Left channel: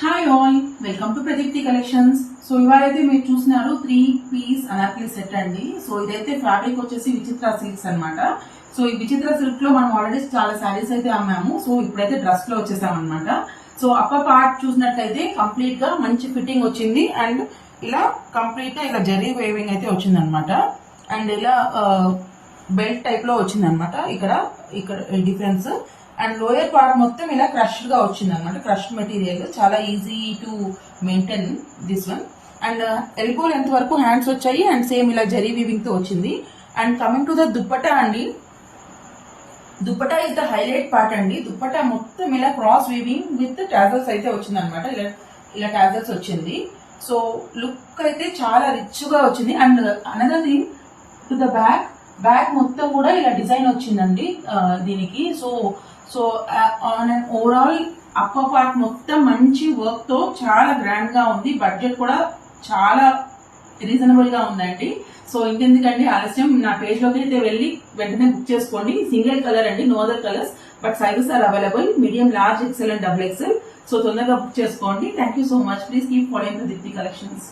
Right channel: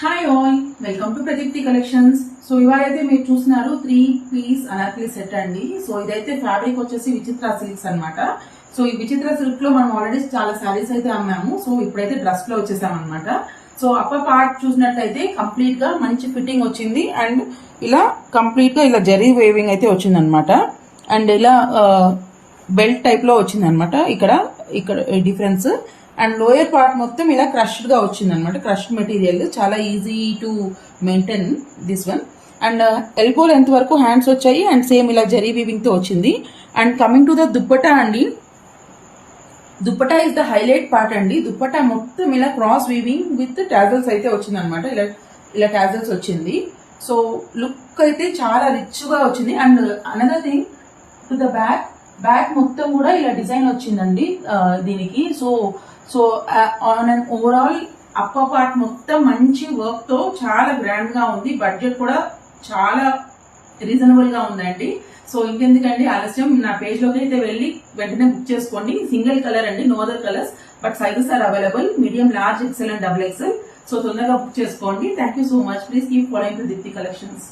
Hi all, welcome to Pradeepti collections. So ఇవాళైతే మీరు చూస్తున్నారు 3-piece అనార్కలి సెట్ అండి. సో ఇదైతే ఫ్యాబ్రిక్ వచ్చేసి విచిత్ర సిల్క్స్ అన్నమాట. సో ఈ విచిత్ర సిల్క్ లో మనం ఆల్రెడీ చాలా సారీస్ అయితే అమ్మాము. సో ఇప్పుడైతే డ్రెస్ లో వచ్చేసాం అనమాట. సో అప్పర్ పార్ట్ చూసినట్లయితే కంప్లీట్ గా మంచి ఫిట్టింగ్ వచ్చింది అండ్ ఇలా కంప్లీట్ గా ఇలా జరీ వేవింగ్ అయితే వచ్చింది అనమాట. అండ్ ఇలా బెల్ట్ టైప్ లో వచ్చింది అనమాట. ఇక్కడ డిఫరెన్స్. అండ్ లోయర్ పార్ట్ మొత్తం ఇలా క్రష్డ్ గా వచ్చింది అనమాట. క్రష్డ్ మెటీరియల్, చాలా easy to maintain this one. And elbow length వరకు హ్యాండ్స్ వచ్చాయి అండ్ సేమ్ ఇలా జరీ వీవింగ్ తో వచ్చింది. And coming to the dupatta అండి, dupatta is the highlight part అండి. దుప్పటా మొత్తం ఇలా క్రాస్ వీవింగ్ విత్ టాజల్స్ అయితే వచ్చింది అనమాట. ఇలా టాజల్స్ వచ్చింది. సో లుక్ అయితే చాలా రిచ్ గా వచ్చింది. And another thing, to the back మొత్తం కూడా ఇలా డిజైన్ వచ్చిందండి దీనికి. So on and overall upper part మొత్తం మంచి వర్క్ తో చాలా గ్రాండ్ గా ఉంది. బడ్జెట్ కూడా చాలా రీజనబుల్ గా ఉందండి. సో ఇంకెందుకండి ఆలస్యం, నా పేజ్ లోకి అయితే వెళ్ళి వెంటనే బుక్ చేసుకోండి. సింగిల్ కలర్ అండి, no other colours, but sizes are available, medium, large, XL and double XL. So తొందరగా బుక్ చేసుకోండి. Thank you so much. Please keep following Pradeepti collections.